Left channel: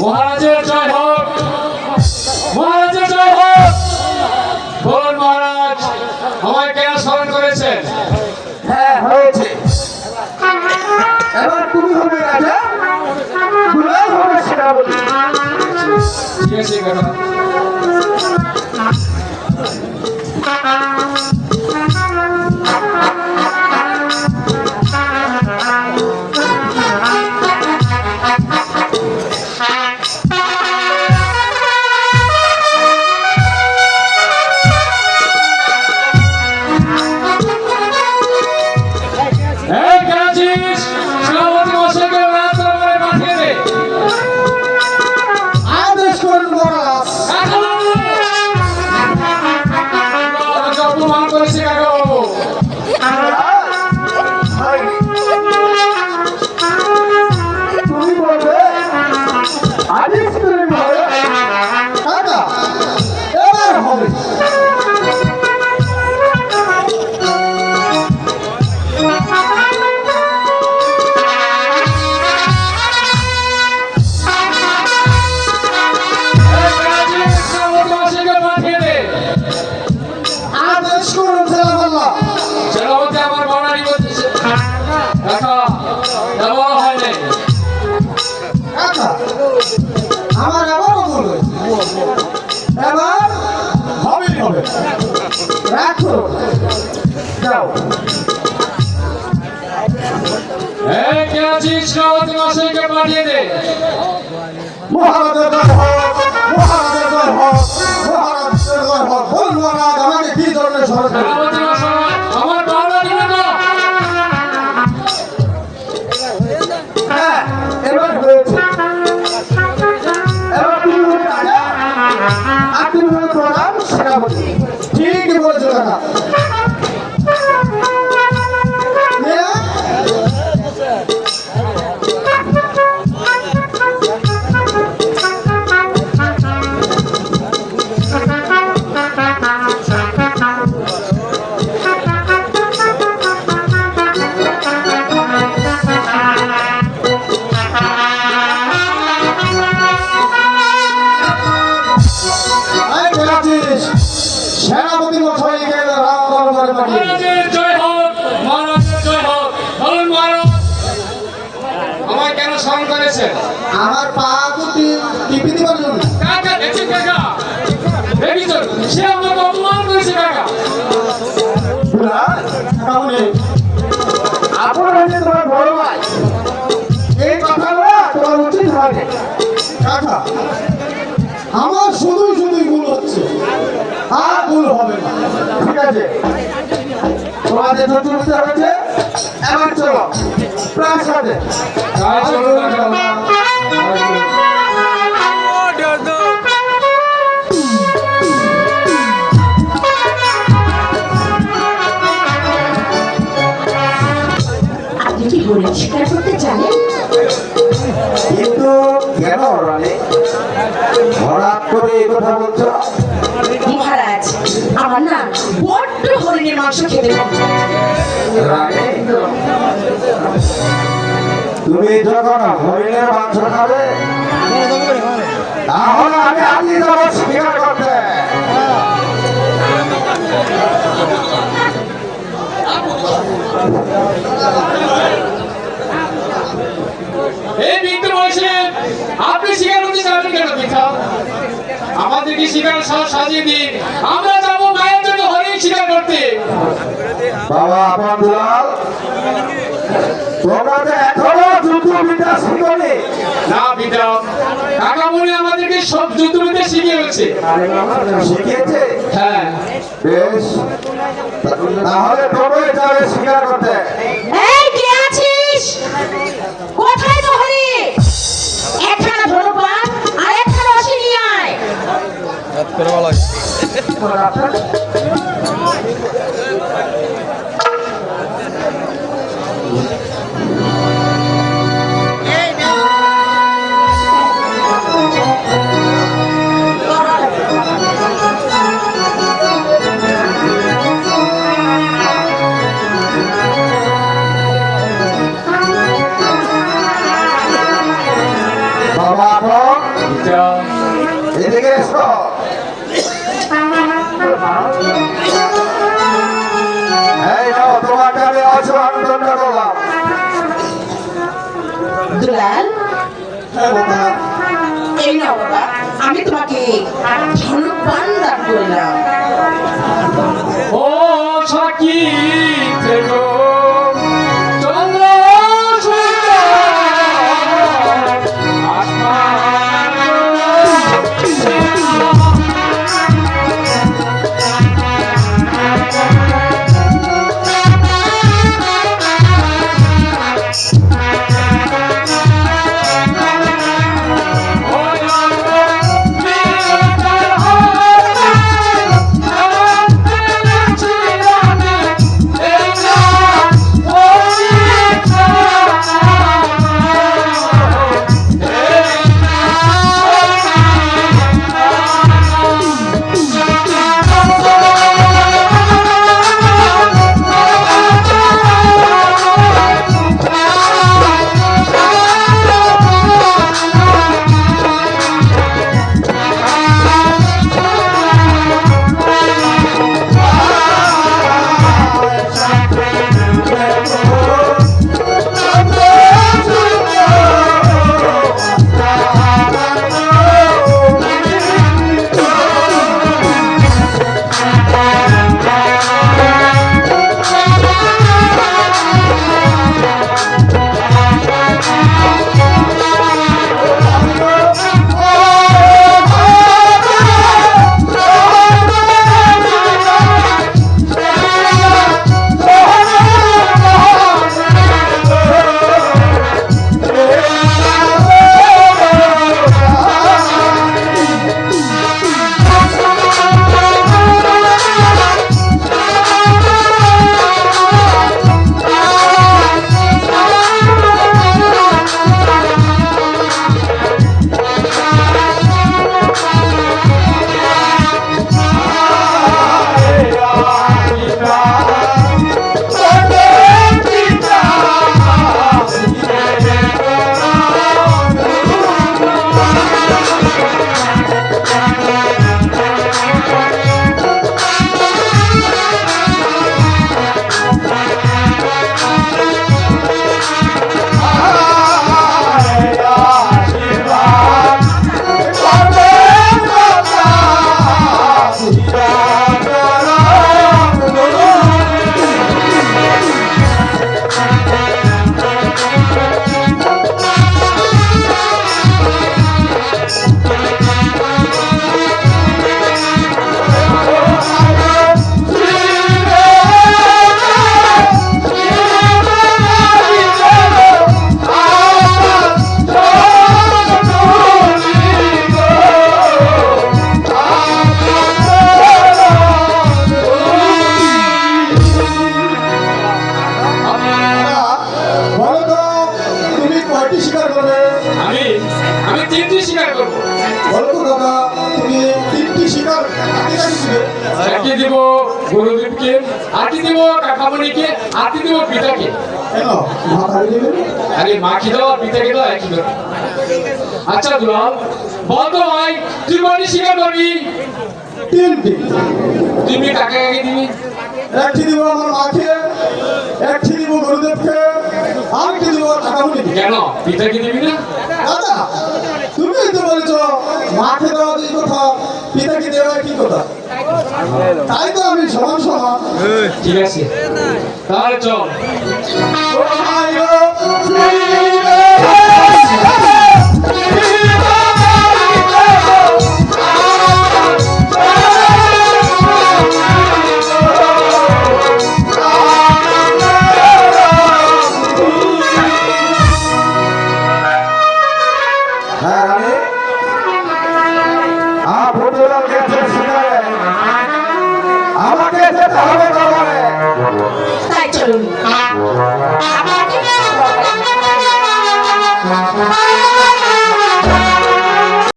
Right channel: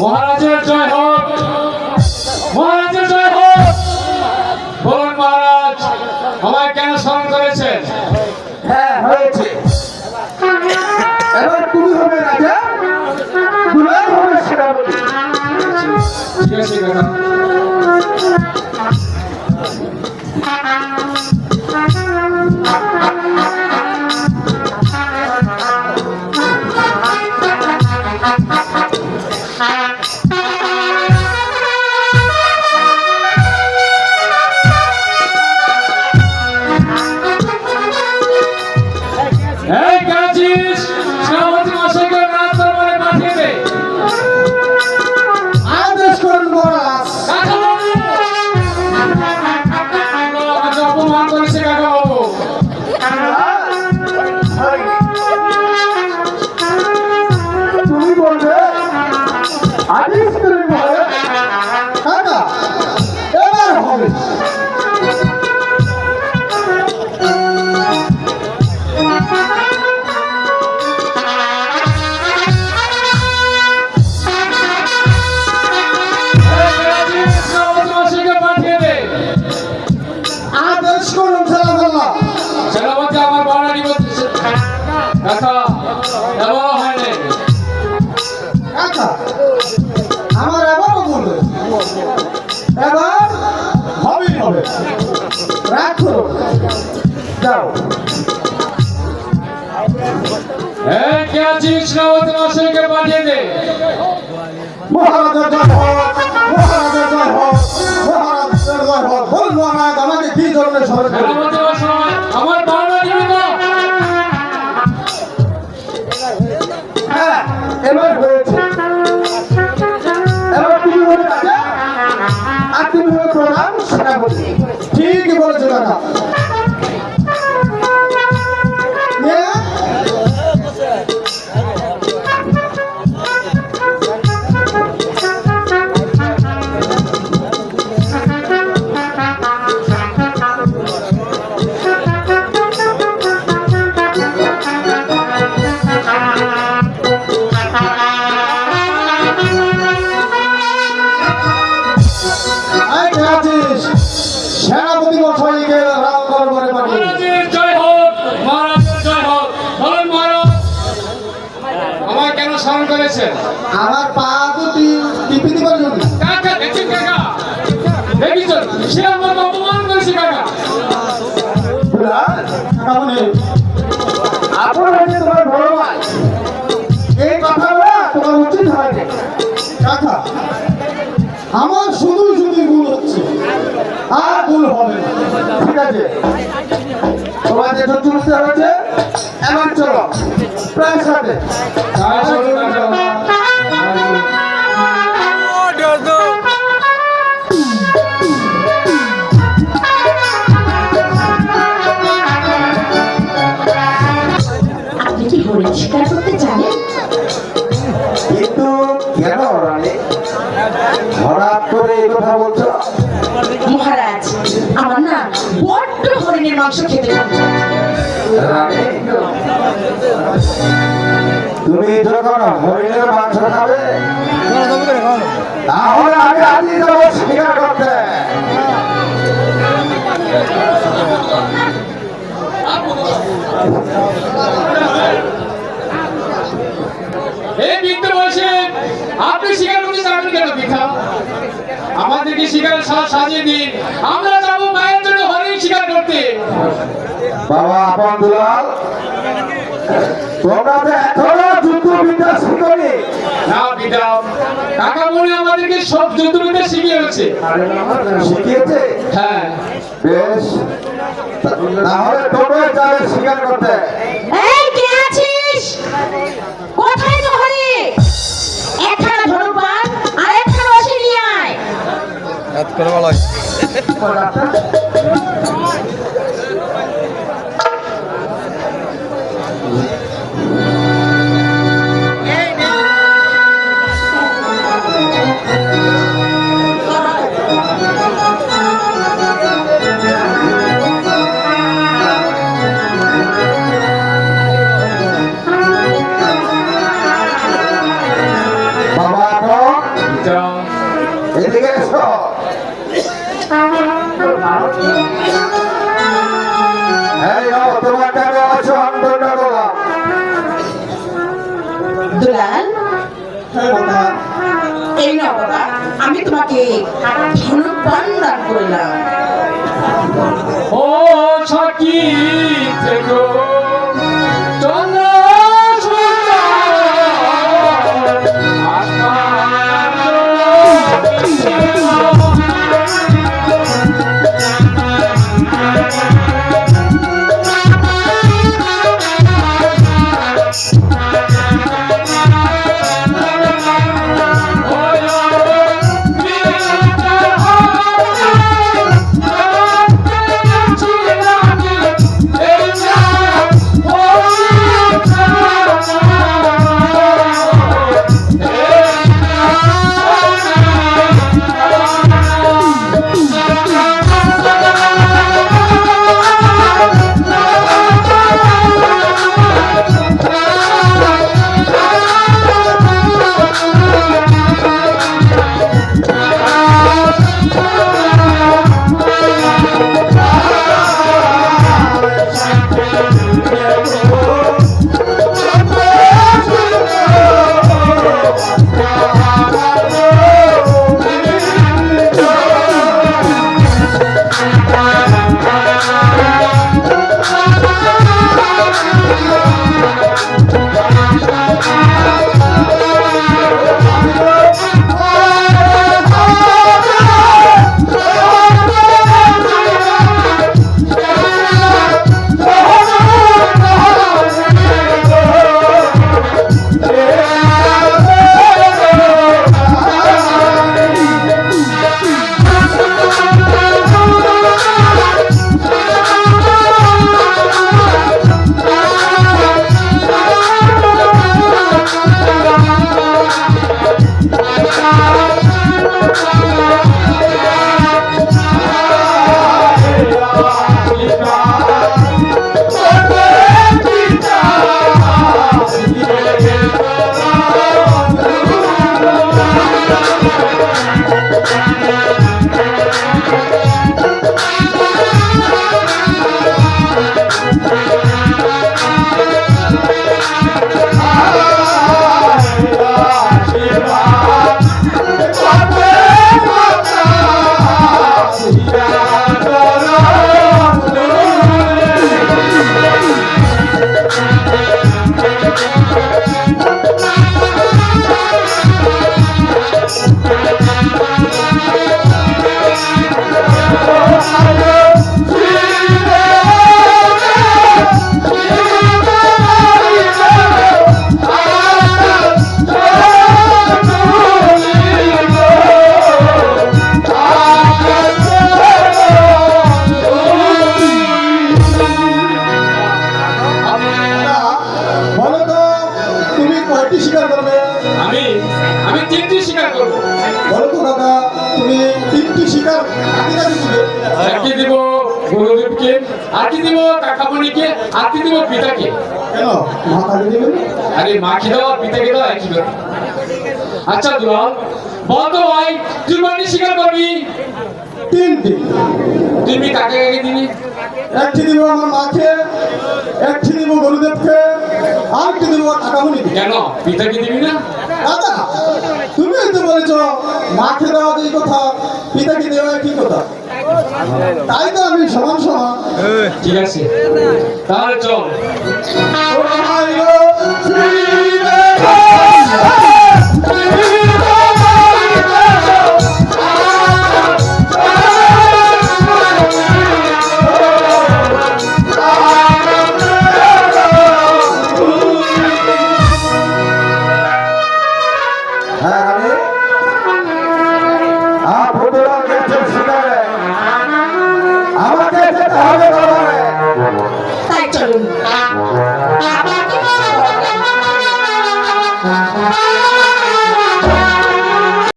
মহারাজের জয় হোক, মহারাজের জয় হোক। বলুন মহারাজ আমায় কেন স্মরণ করেছেন? হ্যাঁ হয়েছে, এবার তুমি হবে রাজা, দুলাল হবে সেনাপতি। ঠিক আছে কাকা। এই কাজিস সেনাপতি মশাইকে রাত দরবারে পাঠিয়ে দে। আদেশ করুন মহারাজ। কাকাবাবু! আমাকে অপমান করেছে কাকাবাবু। তুমি বলবে আদেশ করুন মহারাজ। কাকা এবার হবে। এই কাজিস সেনাপতি মশাইকে পাঠিয়ে দে। আদেশ করুন সালামাল্লাহ। সেনাপতি আমার বড়ানি করতেছে। কাকা দেওয়া হয়নি। কাকা আমার এবারও বলবে, এবার হবেই হবে। রাখো, যাও। এই কাজিস সেনাপতি মশাইকে পাঠিয়ে দে। মহারাজের জয় হোক, মহারাজের জয় হোক, মহারাজের জয় হোক। বল মহারাজ আমাকে কি ধরনের সরে দেবে? সেনাপতি মশাই আমার বড়ানি তো। হ্যাঁ এবার হয়েছে, এবার তুমি হবে রাজা, আর তুমি হবে প্রধান সেনাপতি। ঠিকই বলেছো কাকা। সেনাপতি মশাইকে রাম দরবারে পাঠিয়ে দিন। মহারাজের জয় হোক, মহারাজের জয় হোক। বলুন মহারাজ আমায় কেন স্মরণ করেছেন? আমার পা তো টিপি দিবার জন্য। কাকা দেখছেন কাকা, দেখেছেন সে আমাকে অপমান করেছে কাকা। দুলাল, কাকামুনি, আপনার হচ্ছে তোমার বড় ভাই, এই কথা বলা তোমার উচিত হয়নি। কাকা আমার শুধুই শুধুই ভুল হচ্ছে, আর ভুল হবে না। ঠিক আছে, তোমাদের যত বুঝতে হয়েছে, এবার চলো প্রাসাদে। তাই চলুন কাকা। আপনি কি হরিণ শিকার করতে জানেন? কিন্তু কেন রানী হঠাৎ করে এই কথা বলছো? মহারাজ আমার না বড্ড হরিণের মাংস খেতে মন চায়। রানী তুমি যখন হরিণের মাংস খাবে, তাহলে আমি আজই যাবো শিকার করতে। এই বৃদ্ধ বয়সে আপনি শিকার করতে যাবেন কেন পিতা? আমাদেরকে শিকার সাজিয়ে দিন, আমরা যাবো মায়ের জন্য হরিণ শিকার করতে। বাবা আপন দুলাল, তোমরা তো এখনো যুদ্ধ বিদ্যা শিখনি। না পিতা, কাকা মনে আমাদেরকে সব যুদ্ধবিদ্যা শিখিয়ে গেছে। শিখিয়েছে? হ্যাঁ বেশ, তাহলে তোমরা যাবে শিকার করতে। এই কে আছিস? কোথায় তো হরিণ? একখানা ধনুবান আর একখানা অসি নিয়ে আয়। বাবা মাধব পিতা এদিকে এসো। এই নাও তোমাকে আমি আশীর্বাদ করলাম। দুলাল, হ্যাঁ বাবা, এই নাও বাবা, আমি তোমাকে ধনুর্বাণ দান করলাম। ও সাকি থেকো চন্দ্র সূর্য বলো তো তুমি কয়টি শিকার করবে? আমি তিনটি শিকার করবো। বলো তো দাদা, তুমি তিনটি শিকার কাকে দিবে? একটি দিব গুরুদেবকে, আটি দিব কাকামণিকে, আটি দিব পিতাকে। কেন মাথা দিবে? আরে মাকে দাও আর পিতাকে দাও একই করে। আচ্ছা দুলাল, বল তো ভাই তুই কয়টি শিকার করবি? তিনটি। তুমি কাকে কাকে দিবি? একটি দিব আমার মাকে, একটি দিব গুরুদেবকে, আরেকটি দিব কাকামুনিকে। কেন পিতাকে দিবি না? দাদা, তুমি তো বলেছ মাকে দেওয়া যে কথা, পিতাকে দেওয়া কি কথা? তাই তো আমি সমান সমান। ঠিক আছে তাহলে চল। তোমার